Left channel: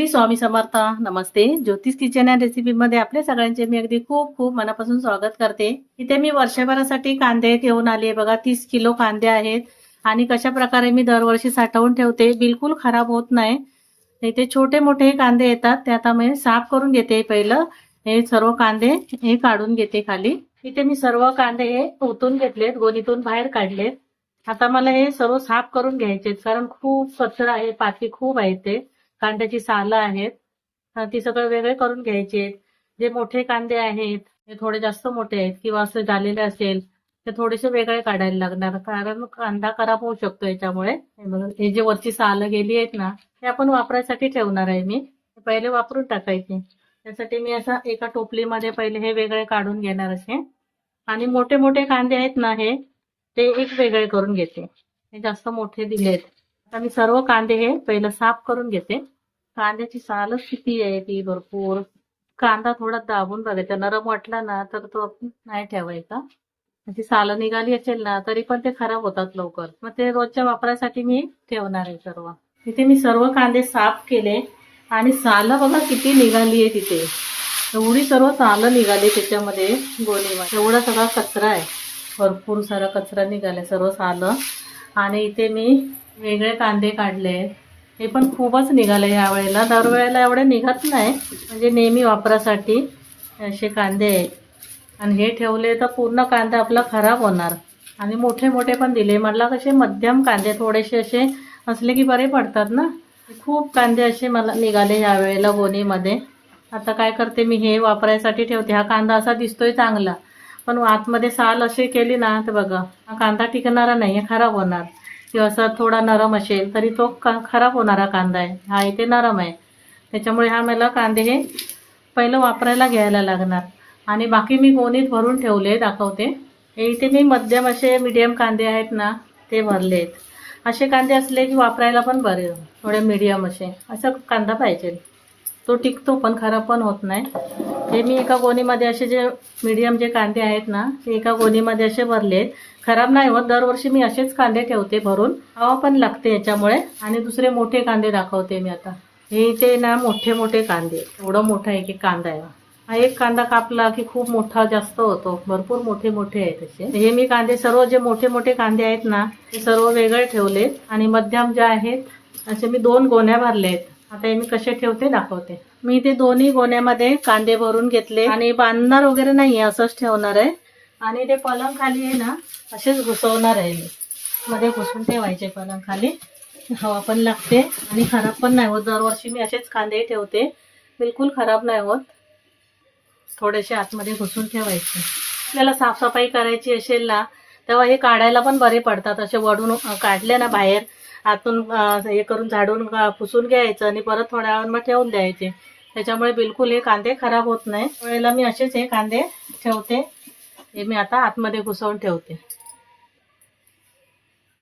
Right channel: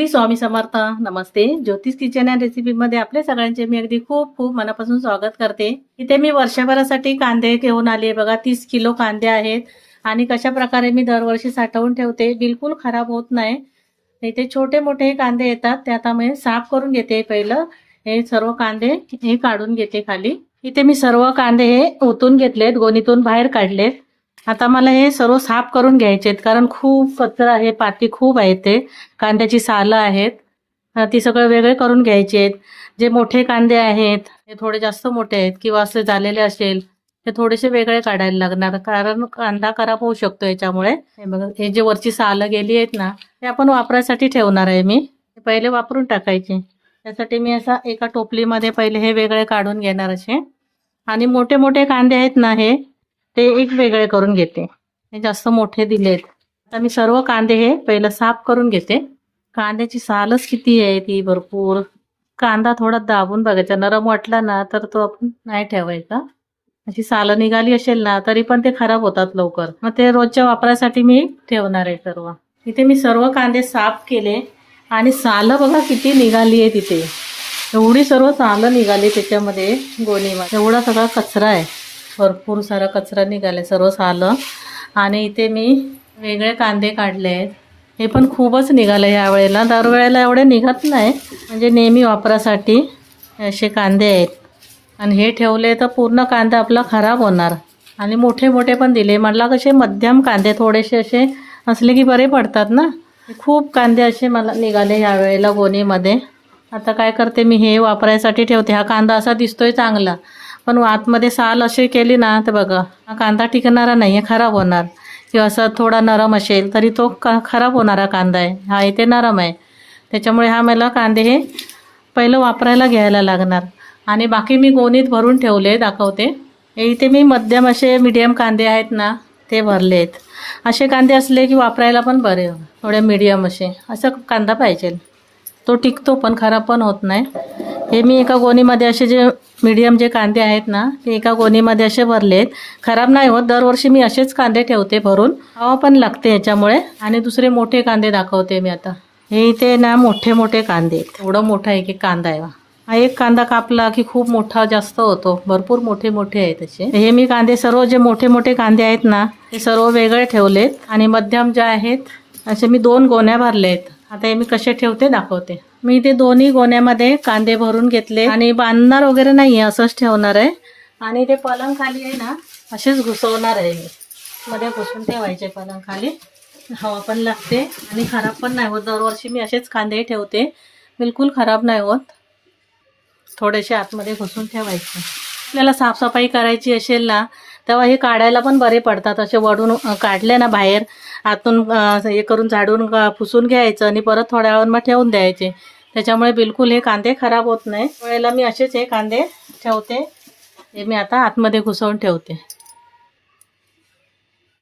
श्री स्वामी समर्थ. नमस्ते. ज्योतिष kitchen and रेसिपीमध्ये आपल्या सगळ्यांचे मी अगदी खूप खूप मनापासून स्वागत करते. इथे मी वर्षभरासाठी कांदे घेऊन आले बघा. 30 किलो कांदे आहेत आणि कशा प्रकारे मी दरवर्षी साठवून ठेवते, बिलकुल खराब होत नाही. इथे छोटे मोठे कांदे येतात, ते आता मी साफ करून घेते. पहिलं हे सर्व कांदे हे काढून घेते खाली. इथे मी सर्व कांदे हे ओतून घेतलेत, गोणीतून बाहेर काढलेत. आता मला हे सर्व साफ करून घ्यायचे कारण खूप कचरा आहे, पाती खूप आहे, ते कांद्याची सालं आहेत, ती सगळं वेगळे करून घ्यायचे. जे मोठे कांदे आहेत हे थोडे जास्त मोठे आहेत किंवा असे झालेले असेल ते थोडेसे वेगळे काढायला लागणार, कारण कांदा खराब होऊ शकतो याच्यामुळे. हे बघा, हे जे वरची सालं गेली आहेत ना, ते आपण वापरायसाठी ठेवणार आहे. मी पहिले वापरून टाकायचे. त्यासाठी मी असा एका टोपलीमध्ये पहिले हे वेगळे काढून घेणार असे. आणि मोठे मोठे कांदे आहेत ना, हे ते एक वेगळे करून घेते. हे जास्त मोठे दिलेत. आता मी सर्व कांदे हे पहिलं साफ करून घेते. कांद्याची सालच किती आहे, ती भरपूर. कांदा थोडा दाबून बघायचा, नरम वाटला ना तर तो आपण नाही ठेवायचा. अशी सालं निघाली असेल ना तरी पण ते खराब होतात लवकर, मग ते रोजच्या वापरासाठी मी ठेवणार आहे सर्व. इथे मी सर्व कांदे साफ केले आणि सालं बघा किती निघाली आहे. तिथे एवढी सर्व सालं निघाली त्याच्यामध्ये, गोणीमध्ये एवढा सगळा कचरा आहे, भरपूर सारा कचरा निघाले सर्व सालं. आणि इथे मी वेगळे कांदे काढले आहेत, हे पण खूपच निघाले यावेळेला. दरवेळेला एवढे निघत नाही, म्हणजे नेहमी वापरासाठी असे कांदे आहेत. आणि हे ठेवले तर पूर्ण कांदा आपला खराब होणार. आणि मोठे मोठे पण दिले मला, कसे मध्यम कांदे थोडेसे असे असले की बरे पडतात ना. खूप कांदे असे मला निघाले यावेळेला गोणीमध्ये. आता काय करते मी, हे वापरायसाठी ठेवते. हा कांदा असा दिसतोय चांगला, पण आतमध्ये साल अशी केली ना तर बघा, हा कांदा टिकणारा नाही आहे, खराब होणार. किंवा असं थोडा नरम असेल तरी तो खराब होणारा कांदा आहे. हा इथे नरम आहे, त्याच्यामुळे हा मला कांदे हे पहिलं वापरायला घ्यायला लागणार. आणि बाकी मी गोणीत भरून ठेवले, दाखवते. हे इथे मी मध्यम असे मीडियम कांदे आहेत ना ते भरले आहेत. असे कांदे असले की वापरायला पण बरे, थोडे मीडियम असे असं कांदा पाहिजे, तो टिकतो पण खराब पण होत नाही. हे मी एका गोणीमध्ये असे जे मीडियम जे कांदे आहेत ना ते एका गोणीमध्ये असे भरलेत. खराब नाही होत, दरवर्षी मी असेच कांदे ठेवते भरून, हवा पण लागते याच्यामुळे. आणि दुसरे मोठे कांदे दाखवते मी आता. हे इथे ना मोठे मोठे कांदे, एवढं मोठा एक एक कांदा आहे. हा एक कांदा कापला की खूप मोठा जास्त होतो, भरपूर मोठे मोठे आहेत असे. हे मी कांदे सर्व जे मोठे मोठे कांदे आहेत ना ते सर्व वेगळे ठेवलेत. आणि मध्यम जे आहेत असे मी 2 गोण्या भरलेत. आता हे मी कसे ठेवते दाखवते. मी ते दोन्ही गोण्यामध्ये कांदे भरून घेतले आणि बांधणार वगैरे नाही आहे, असंच ठेवणार आहे. आणि ते पलंग खाली आहे ना असेच घुसवणार आहे मी, मध्ये घुसून ठेवायचे पलंग खाली, हवा पण लागते आणि खराब पण नाही होत. दरवर्षी मी असेच कांदे ठेवते, बिलकुल खराब नाही होत. थोडेसे आतमध्ये घुसून ठेवायचे. आपल्याला साफसफाई करायची असेल ना तेव्हा हे काढायला पण बरे पडतात. असे वडून काढले ना बाहेर, आतून हे करून झाडून पुसून घ्यायचं आणि परत थोड्या वेळ मग ठेवून द्यायचे. त्याच्यामुळे बिलकुल हे कांदे खराब होत नाही. वेळेला मी असेच हे कांदे ठेवते. हे मी आता आतमध्ये घुसवून ठेवते.